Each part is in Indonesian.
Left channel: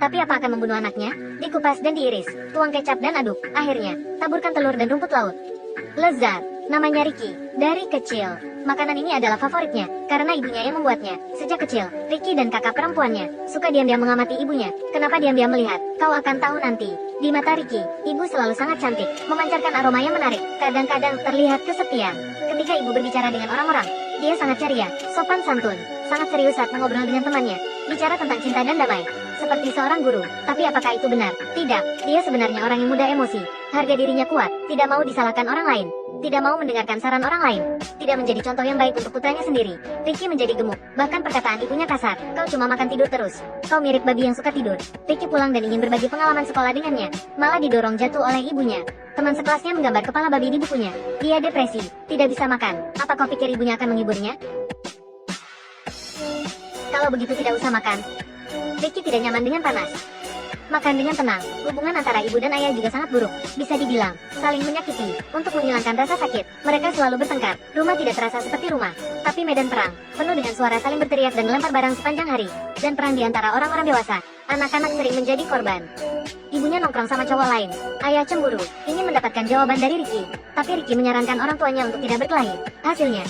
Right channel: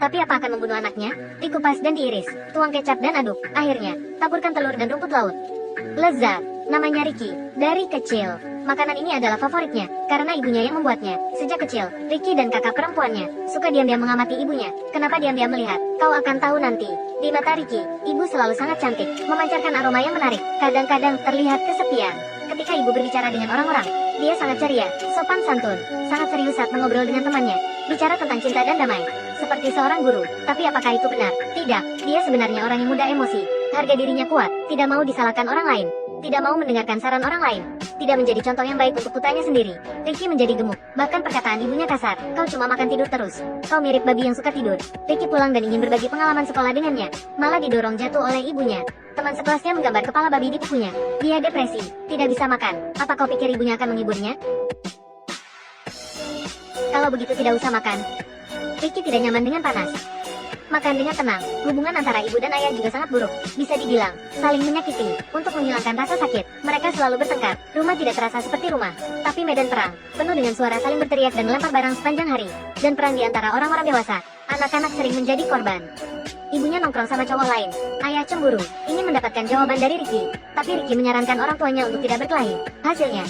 Tapi apa akan membunuh anaknya? Dikupas dan diiris, tuang kecap dan aduk. Akhirnya, taburkan telur dan rumput laut. Lezat. Namanya Ricky. Dari kecil, makanan ini adalah favoritnya, karena ibunya yang membuatnya. Sejak kecil, Ricky dan kakak perempuannya suka diam-diam mengamati ibunya. Kenapa diam-diam melihat? Kau akan tahu nanti. Di mata Ricky, ibu selalu sangat cantik, memancarkan aroma yang menarik. Kadang-kadang terlihat kesepian. Ketika ibu berbicara dengan orang-orang, dia sangat ceria, sopan santun, sangat serius saat mengobrol dengan temannya. Bicara tentang cinta dan damai, seperti seorang guru. Tapi apakah itu benar? Tidak, dia sebenarnya orang yang mudah emosi. Harga dirinya kuat, tidak mau disalahkan orang lain, tidak mau mendengarkan saran orang lain, tidak menjadi contoh yang baik untuk putranya sendiri. Ricky menjadi gemuk, bahkan perkataan ibunya kasar. Kau cuma makan tidur terus. Kau mirip babi yang suka tidur. Ricky pulang dan ingin berbagi pengalaman sekolah dengannya, malah didorong jatuh oleh ibunya. Teman sekelasnya menggambar kepala babi di bukunya. Dia depresi, tidak bisa makan. Apa kau pikir ibunya akan menghiburnya? Kalau begitu tidak usah makan. Ricky tidak nyaman dengan panas. Makan dengan tenang. Hubungan antara ibu dan ayah juga sangat buruk. Bisa dibilang, saling menyakiti. Untuk menghilangkan rasa sakit, mereka selalu bertengkar. Rumah tidak terasa seperti rumah, tapi medan perang. Penuh dengan suara saling berteriak dan melempar barang sepanjang hari. Dan perang di antara orang-orang dewasa. Anak-anak sering menjadi korban. Ibunya nongkrong sama cowok lain. Ayah cemburu, ingin mendapatkan jawaban dari Ricky. Tapi Ricky menyarankan orang tuanya untuk tidak berkelahi. Hasilnya,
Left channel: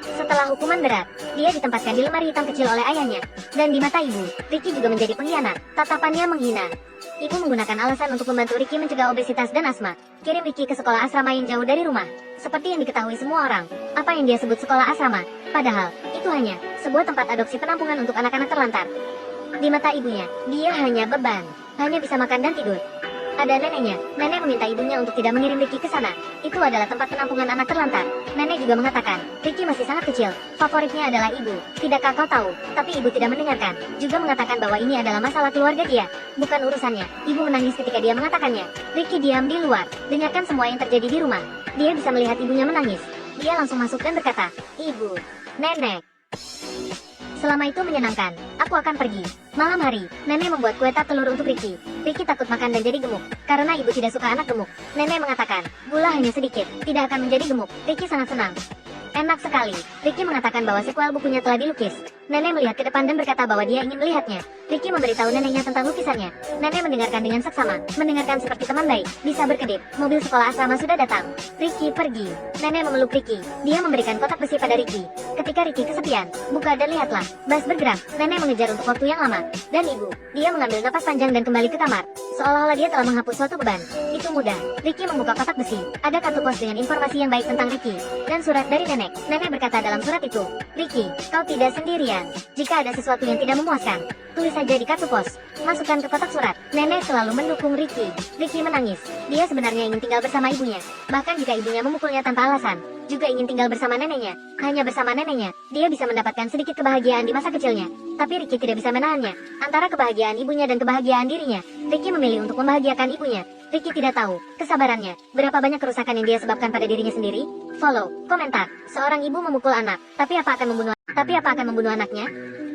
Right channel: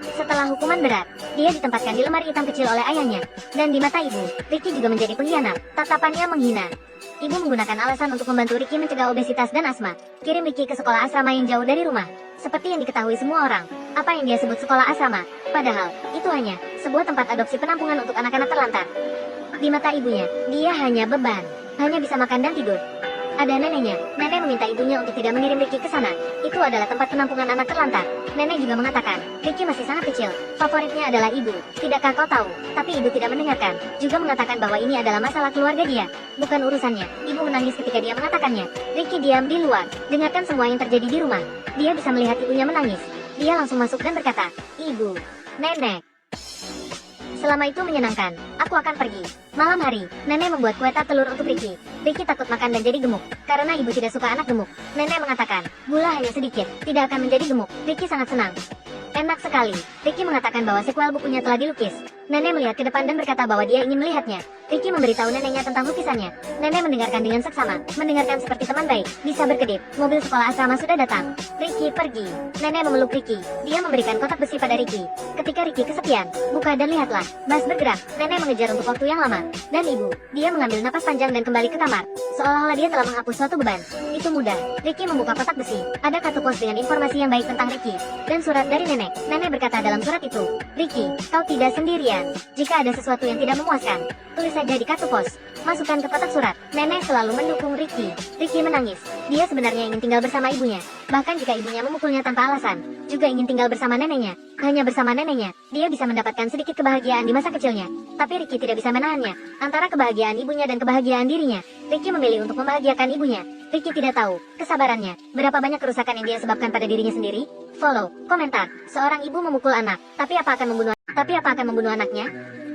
setelah hukuman berat, dia ditempatkan di lemari hitam kecil oleh ayahnya. Dan di mata ibu, Ricky juga menjadi pengkhianat. Tatapannya menghina. Ibu menggunakan alasan untuk membantu Ricky mencegah obesitas dan asma. Kirim Ricky ke sekolah asrama yang jauh dari rumah. Seperti yang diketahui semua orang, apa yang dia sebut sekolah asrama, padahal itu hanya sebuah tempat adopsi penampungan untuk anak-anak terlantar. Di mata ibunya, dia hanya beban. Hanya bisa makan dan tidur. Ada neneknya. Nenek meminta ibunya untuk tidak mengirim Ricky ke sana. Itu adalah tempat penampungan anak terlantar. Nenek juga mengatakan, Ricky masih sangat kecil. Favoritnya adalah ibu. Tidakkah kau tahu? Tapi ibu tidak mendengarkan. Juga mengatakan bahwa ini adalah masalah keluarga dia. Bukan urusannya. Ibu menangis ketika dia mengatakannya. Ricky diam di luar. Dengarkan semua yang terjadi di rumah. Dia bisa melihat ibunya menangis. Dia langsung masuk dan berkata, Ibu, Nenek. Selama itu menyenangkan. Aku akan pergi. Malam hari, nenek membuat kue tat telur untuk Ricky. Ricky takut makan dan jadi gemuk, karena ibu tidak suka anak gemuk. Nenek mengatakan, gula hanya sedikit, tidak akan menjadi gemuk. Ricky sangat senang. Enak sekali. Ricky mengatakan bahwa sequel bukunya telah dilukis. Nenek melihat ke depan dan berkata bahwa dia ingin melihatnya. Ricky memberitahu neneknya tentang lukisannya. Nenek mendengarkan dengan seksama, mendengarkan seperti teman baik. Bisa berkedip. Mobil sekolah asrama sudah datang. Ricky pergi. Nenek memeluk Ricky. Dia memberikan kotak besi pada Ricky. Ketika Ricky kesepian, buka dan lihatlah. Bas bergerak. Nenek mengejar untuk waktu yang lama. Dan ibu, dia mengambil napas panjang dan kembali ke kamar. Seolah-olah dia telah menghapus suatu beban. Itu mudah. Ricky membuka kotak besi. Ada kartu pos dengan informasi yang baik tentang Ricky. Dan surat dari nenek. Nenek berkata dalam surat itu, Ricky, kau tidak sendirian. Jika ada sesuatu yang tidak memuaskan, tulis saja di kartu pos. Masukkan ke kotak surat. Nenek selalu mendukung Ricky. Ricky menangis. Dia sebenarnya ingin tinggal bersama ibunya. Bahkan jika ibunya memukulnya tanpa alasan, juga ingin tinggal bersama neneknya. Hanya bersama neneknya, dia bisa mendapatkan sedikit kebahagiaan di masa kecilnya. Tapi Ricky tidak bisa menahannya. Antara kebahagiaan ibunya dan kebahagiaan dirinya, Ricky memilih untuk membahagiakan ibunya. Ricky tidak tahu kesabarannya, berapa banyak kerusakan yang dia sebabkan pada dirinya sendiri. Follow, komentar. Seorang ibu memukul anak, tapi apa akan membunuh anaknya?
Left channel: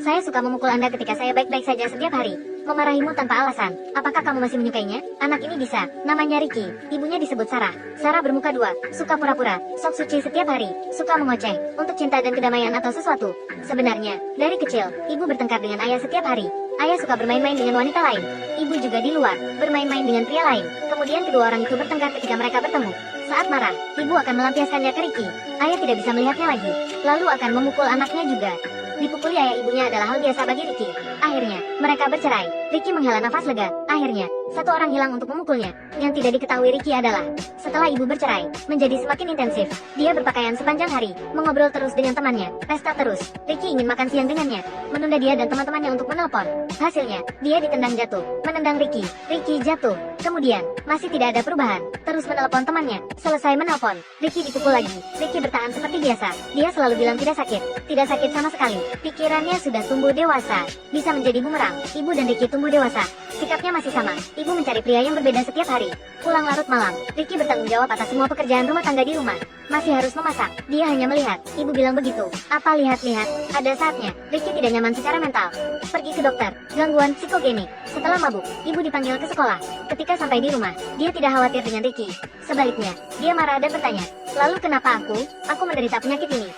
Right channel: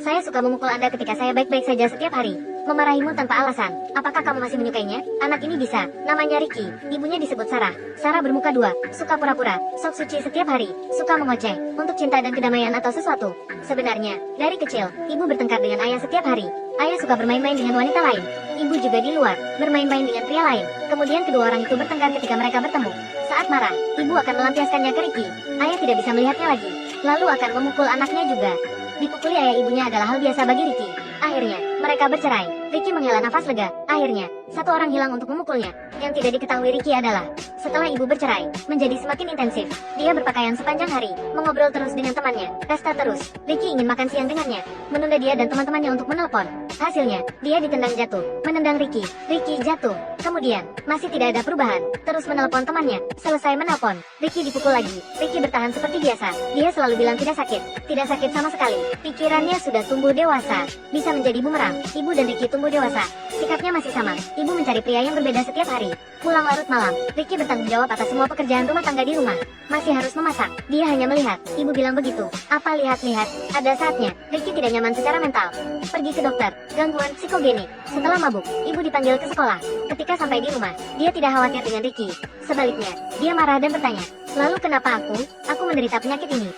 Saya suka memukul Anda ketika saya baik-baik saja setiap hari. Memarahimu tanpa alasan. Apakah kamu masih menyukainya? Anak ini bisa. Namanya Ricky. Ibunya disebut Sarah. Sarah bermuka dua. Suka pura-pura. Sok suci setiap hari. Suka mengoceh. Untuk cinta dan kedamaian atau sesuatu. Sebenarnya, dari kecil, ibu bertengkar dengan ayah setiap hari. Ayah suka bermain-main dengan wanita lain. Ibu juga di luar, bermain-main dengan pria lain. Kemudian kedua orang itu bertengkar ketika mereka bertemu. Saat marah, ibu akan melampiaskannya ke Ricky. Ayah tidak bisa melihatnya lagi. Lalu akan memukul anaknya juga. Dipukuli ayah ibunya adalah hal biasa bagi Ricky. Akhirnya, mereka bercerai. Ricky menghela nafas lega. Akhirnya, satu orang hilang untuk memukulnya. Yang tidak diketahui Ricky adalah, setelah ibu bercerai, menjadi semakin intensif. Dia berpakaian sepanjang hari, mengobrol terus dengan temannya, pesta terus. Ricky ingin makan siang dengannya, menunda dia dan teman-temannya untuk menelepon. Hasilnya, dia ditendang jatuh, menendang Ricky. Ricky jatuh. Kemudian, masih tidak ada perubahan. Terus menelepon temannya. Selesai menelpon, Ricky dipukul lagi. Ricky bertahan seperti biasa. Dia selalu bilang tidak sakit. Tidak sakit sama sekali. Pikirannya sudah tumbuh dewasa. Bisa menjadi bumerang. Ibu dan Ricky tumbuh dewasa. Sikapnya masih sama. Ibu mencari pria yang berbeda setiap hari. Pulang larut malam, Ricky bertanggung jawab atas semua pekerjaan rumah tangga di rumah. Masih harus memasak. Dia hanya melihat. Ibu bilang begitu. Apa lihat-lihat? Ada saatnya, Ricky tidak nyaman secara mental. Pergi ke dokter. Gangguan psikogenik. Setelah mabuk, ibu dipanggil ke sekolah. Ketika sampai di rumah, dia tidak khawatir dengan Ricky. Sebaliknya, dia marah dan bertanya, lalu kenapa aku? Aku menderita penyakit ini.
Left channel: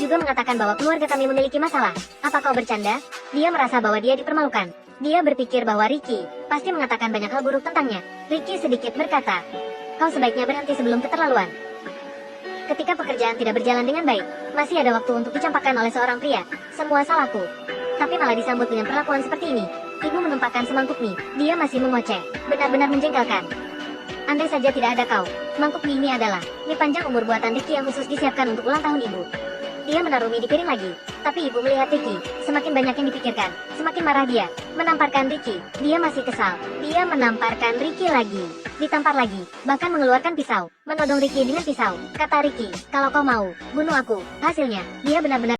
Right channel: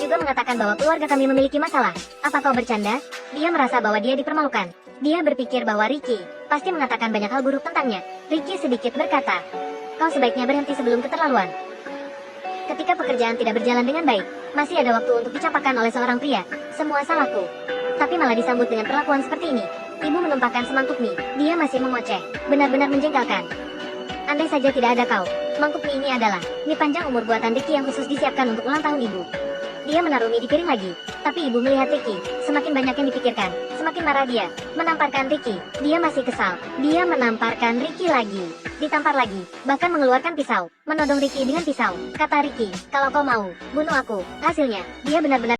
Juga mengatakan bahwa keluarga kami memiliki masalah. Apa kau bercanda? Dia merasa bahwa dia dipermalukan. Dia berpikir bahwa Ricky pasti mengatakan banyak hal buruk tentangnya. Ricky sedikit berkata, kau sebaiknya berhenti sebelum keterlaluan. Ketika pekerjaan tidak berjalan dengan baik, masih ada waktu untuk dicampakkan oleh seorang pria. Semua salahku. Tapi malah disambut dengan perlakuan seperti ini. Ibu menumpahkan semangkuk mie. Dia masih mengoceh. Benar-benar menjengkelkan. Andai saja tidak ada kau, mangkuk mie ini adalah mie panjang umur buatan Ricky yang khusus disiapkan untuk ulang tahun ibu. Dia menaruh mie di piring lagi. Tapi ibu melihat Ricky. Semakin banyak yang dipikirkan, semakin marah dia. Menamparkan Ricky. Dia masih kesal. Dia menamparkan Ricky lagi. Ditampar lagi. Bahkan mengeluarkan pisau. Menodong Ricky dengan pisau. Kata Ricky, kalau kau mau, bunuh aku. Hasilnya, dia benar-benar